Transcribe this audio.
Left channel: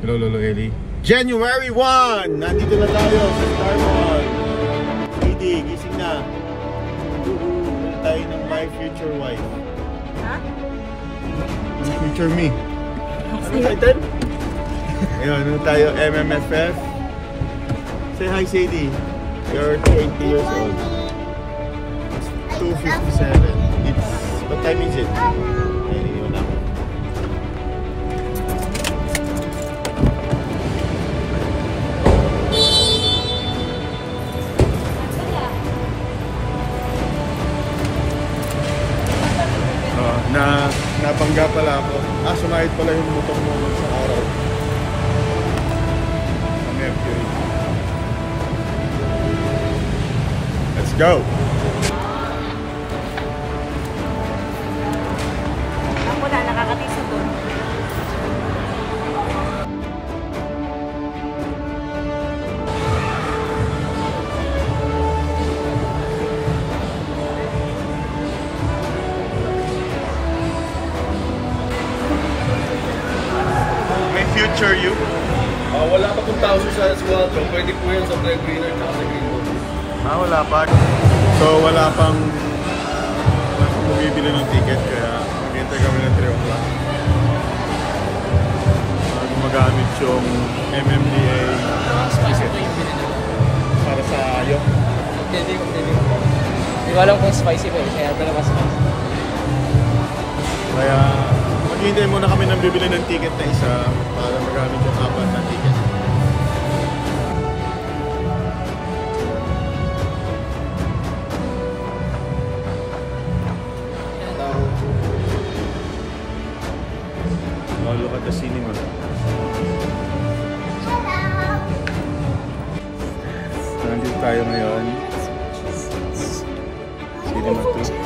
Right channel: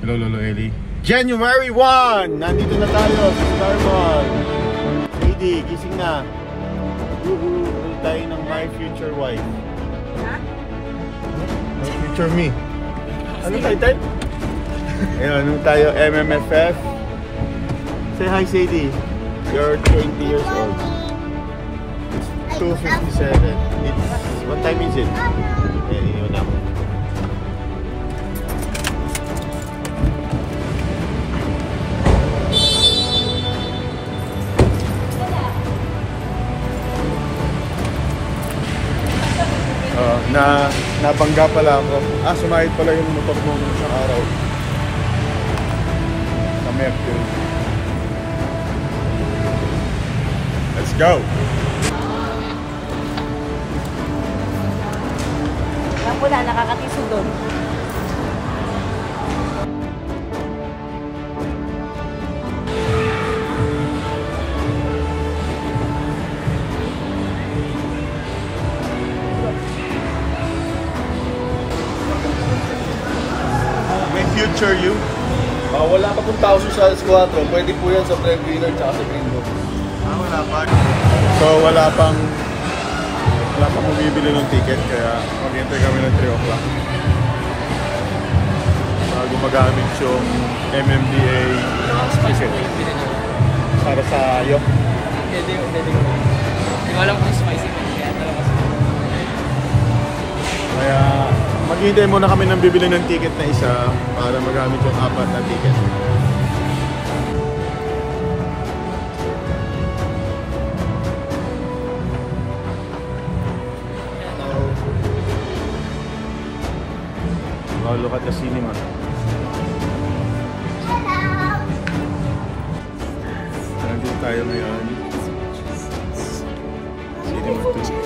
Hello, Lolo Eli. January 1! Nandito na tayo sa Star Wars. Lady, gising na. Uhu, tayo ng my future wife. Ha? My future me. Ano title? Ayun, ano tayo, MMFF. Say hi, Sadie. You're 20 years old. It's 2:57. What time is it? Eh, yun ako. Nabangga pala ako. Sumakit pala yung motor ko sa araw. Sa Mercury. Let's go! Ako na, nakakatiso doon. Future you? Wala pa pong tao sa squadron. Pwede po yan sa breadwinner at sa greenwood. Wala pa. So wala pang mabibili ng ticket kaya dito kami ng 3 o'clock. Bago magamit yung MMDA. Ano spicy ko yung binili ko? Para sa ayok. Hindi ko alam kung spicy ko kaya talaga sa Kaya maghintay muna kami ng bibili ng ticket na isa para magamit yung 4 na ticket. Look at the cinema. Nandito tayo ngayon. Dito na ito.